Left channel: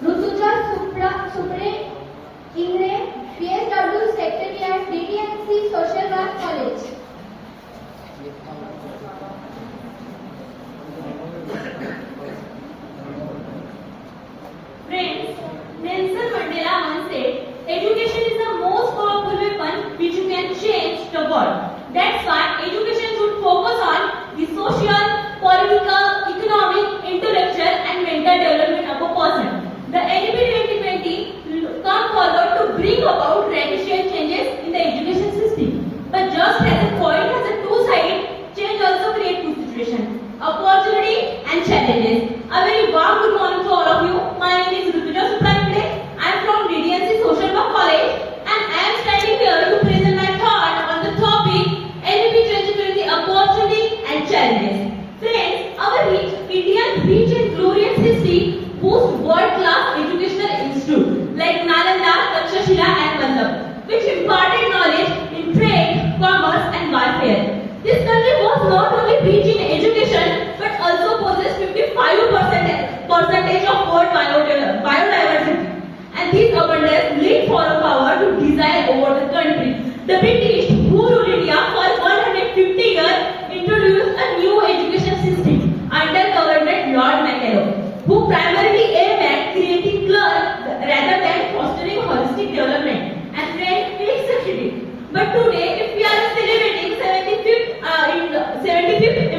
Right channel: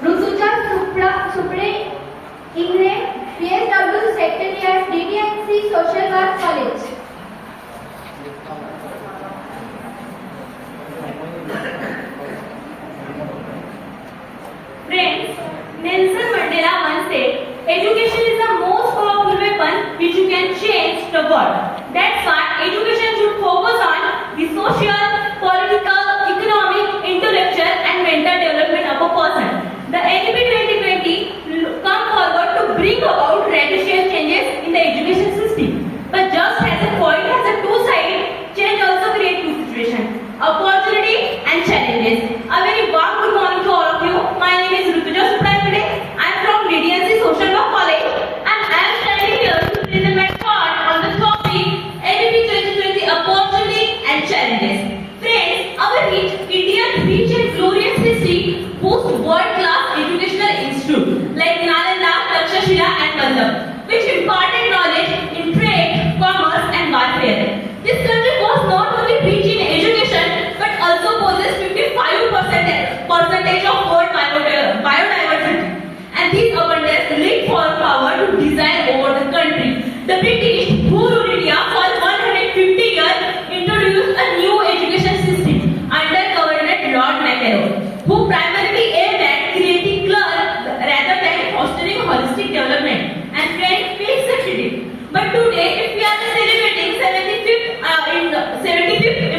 Rutuja, Supada, Ingle, PSW Secretariat, DTNC Social Work College. Friends, Nelson Mandela once said, education is the most powerful weapon which you can change the world. That's why education should focus on the social, political, economic, intellectual and mental development of a person. The NEP 2020 come forward to bring about radical changes in the education system. But just as a coin has a two sides, change also creates two situations, opportunity and challenges. A very warm good morning to all of you. My name is Rutuja Supada. I am from DTNC Social Work College and I am standing here to present my thought on the topic NEP 2020 opportunity and challenges. Friends, our Indian rich and glorious history boasts world-class educational institutes like Nalanda, Takshashila and Padm, which imparted knowledge in trade, commerce and warfare. This country was not only rich in education but also possessed 55% of world biodiversity. And this abundance laid for power to design over the country. The British, who ruled India for 150 years, introduced a new education system under Governor Lord Macaroni, who primarily aimed at creating clerks rather than fostering holistic development. And friends, we succeeded. But today, if we are celebrating 75th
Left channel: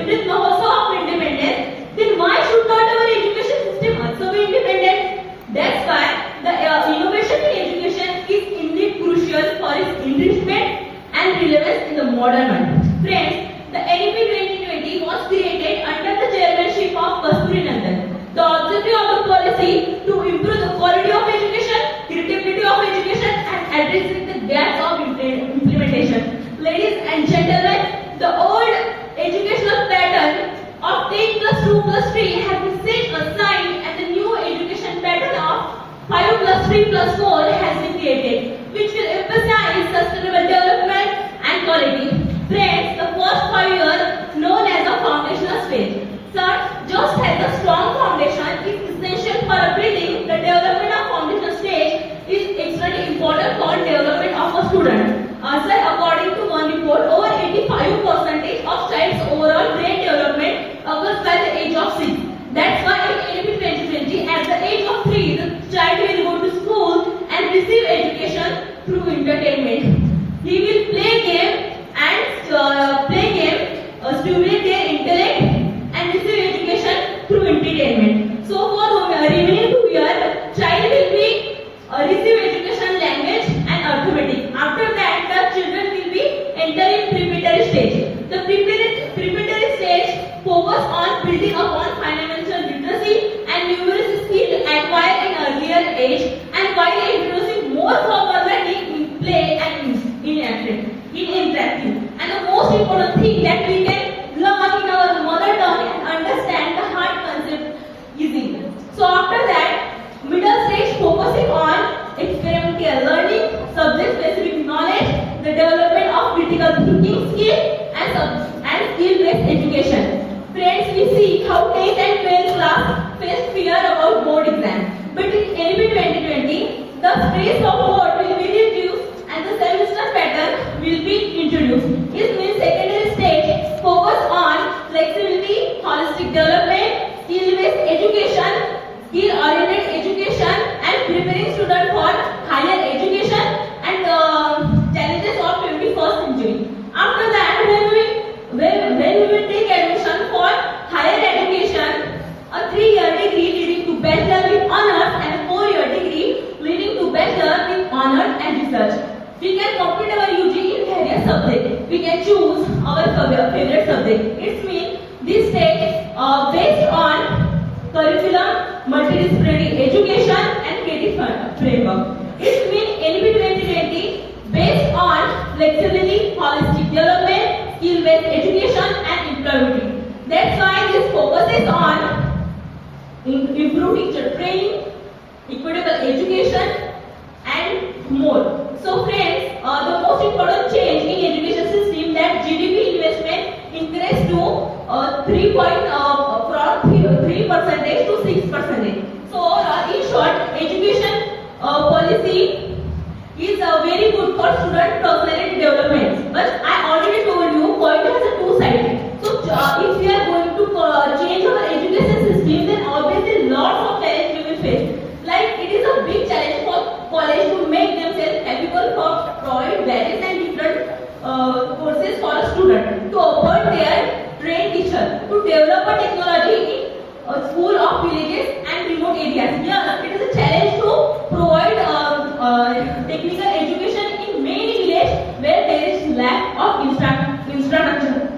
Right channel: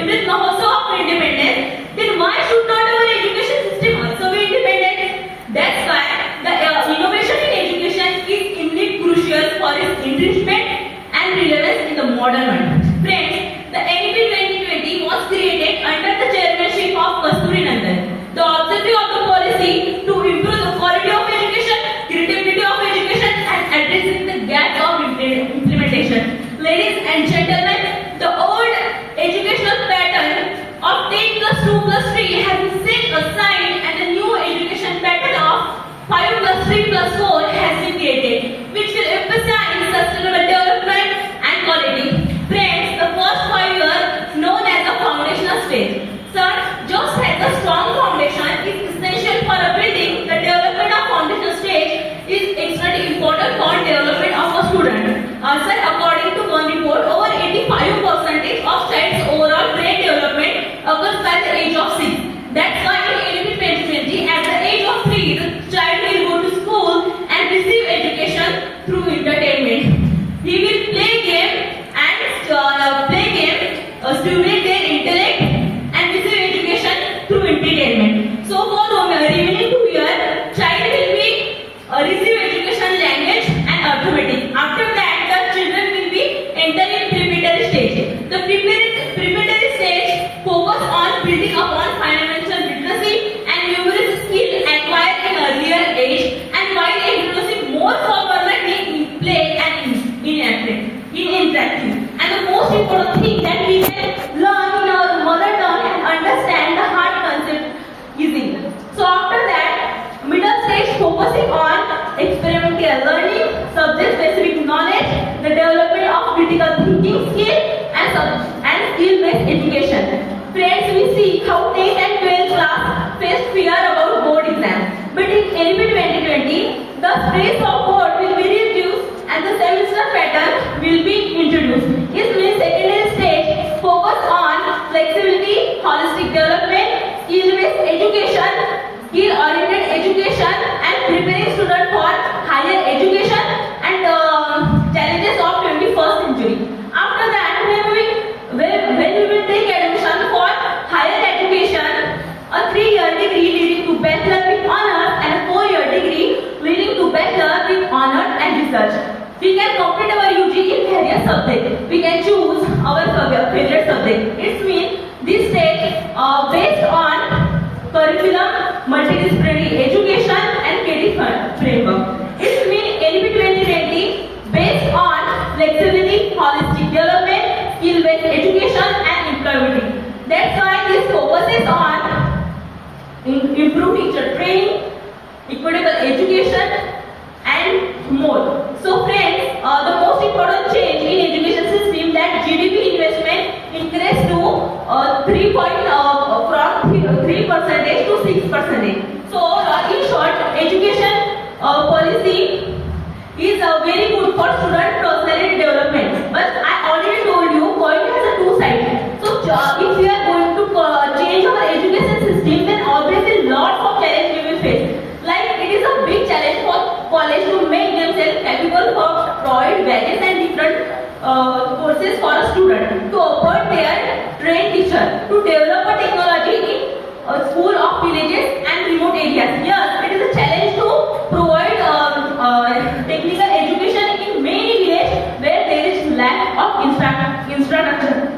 Amrit Mahotsav of independence, then why should not our education system also be independent? That's why the innovation in education is indeed crucial for its enrichment and relevance in the modern world. Friends, the NEP 2020 was created under the chairmanship of Kasturi Nandan. The objective of the policy to improve the quality of education, credibility of education and addressing the gap of implementation. Ladies and gentlemen, the old educational pattern of 10 plus 2 plus 3 has been set aside and the new education pattern of 5 plus 3 plus 4 has been created, which will emphasize sustainable development and quality. Friends, the first 5 years known as the foundational stage. Sir, just as a strong foundation is essential for a building, the development of foundational stage is extremely important for development of a student. Sir, according to one report, over 85% of child's overall brain development occurs by the age of 6. That's why in NEP 2020, at the age of 3, the child will go to school and receive education through entertainment. He will play game and stimulate their intellect and receive education through entertainment. So for the remaining 2 years, child will be receive education language and arithmetic. After that, the children will be enter in preparatory stage. The preparatory stage focus on building upon financial literacy and numerous skills acquired in earlier age, and while introducing more formality in play and interactive. And the most important thing that we can learn in our mother tongue and understand the hard concept easily. So after that, middle stage focusing on experimental learning, subject-specific knowledge, the development of critical thinking skill, and skill-based education. Friends, we see how 10th and 12th class face fear about board exams. But in NEP 2020, the stress of board will be reduced and the semester pattern will be introduced. It means secondary stage focus on flexibility, holistic development, skill-based education, skill-oriented education, and preparing students for higher education and challenges of 21st century. After that, when we will take admission for higher education, a 3-year degree leading to bachelor with honors and a 4-year degree leading to bachelor with honors and research. We can complete our UG in various subjects. We can choose our favorite subject. It means this stage based on curriculum, multidisciplinary education and creative framework. It means NEP 2020 based on flexibility, holistic development, skill-based education and employability. That's why this focuses on improved teacher training, equitable education and more. So friends, the most important change in education system that GDP student personality development. But I already told you, coin has a two sides. So if we are going to change our education system, then obviously lots of challenges we will face. Like it is a big challenge for college to make themselves capable for provide various and different courses for a student, to appoint their trained teacher, to develop a technology in a school of villages and remote areas. Yes, it is a challenge to provide technical education in many villages where there is lack of infrastructure.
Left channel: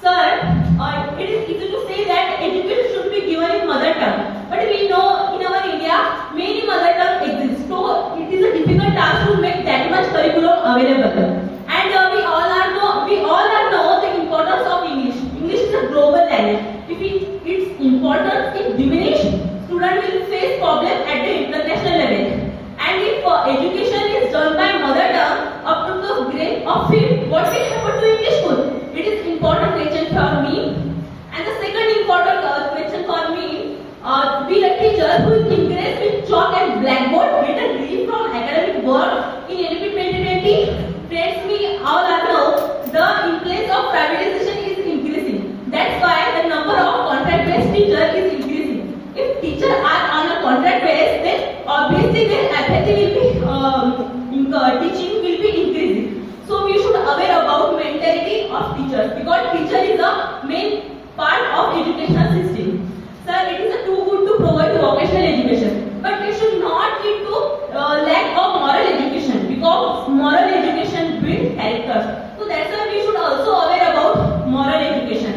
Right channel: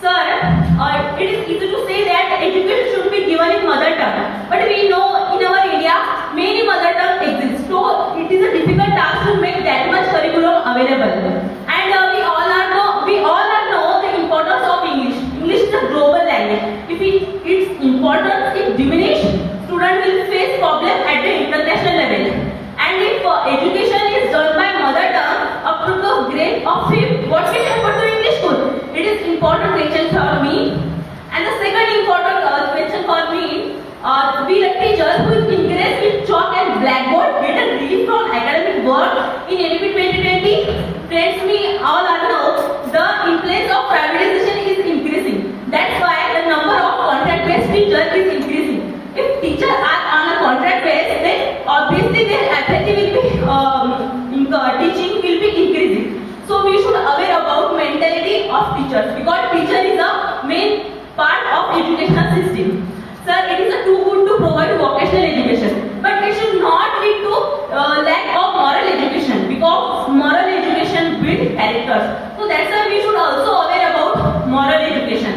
Sir, it is easy to say that education should be given in mother tongue, but we know in our area many mother tongue exist. So it is a difficult task to make that much curriculum available. And we all know the importance of English. English is a global language. If its importance is diminished, students will face problems at the international level. And if education is done by mother tongue up to the grade of 5th, what will happen to English school? It is important question for me. And the second important question for me, be a teacher who is encouraged with chalk and blackboard, get a relief from academic work in NP 2020. Friends, we all know the influence of privatization is increasing. That's why the number of contract-based teachers is increasing. If teachers are on a contract base, then obviously their ability will be teaching will be increasing. So we should aware about mentality of teachers, because teacher is a main part of educational system. Sir, it is too good to provide vocational education, but it should not lead to lack of moral education, because moral education builds characters. So that's why we should also aware about moral education.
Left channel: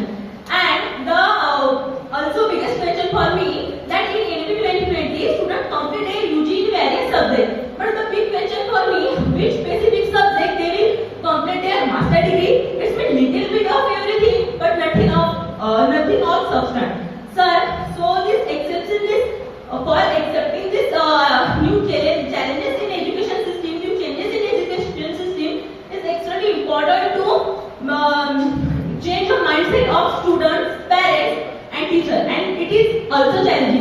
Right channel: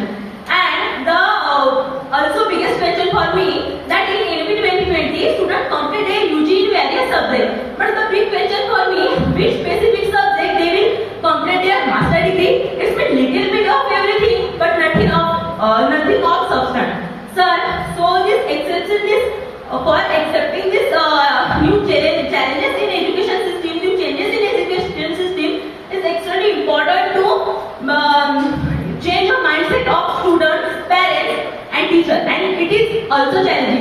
And the also biggest question for me, that in NP 2020 students complete their UG in various subjects, but the big question for me, which specific subject they will complete their master degree? It's been little bit of everything, but nothing of substance. Sir, so this for accepting this new challenges in education system, new changes in education system is extremely important to change the mindset of students, parents and teachers, and it is also challenging.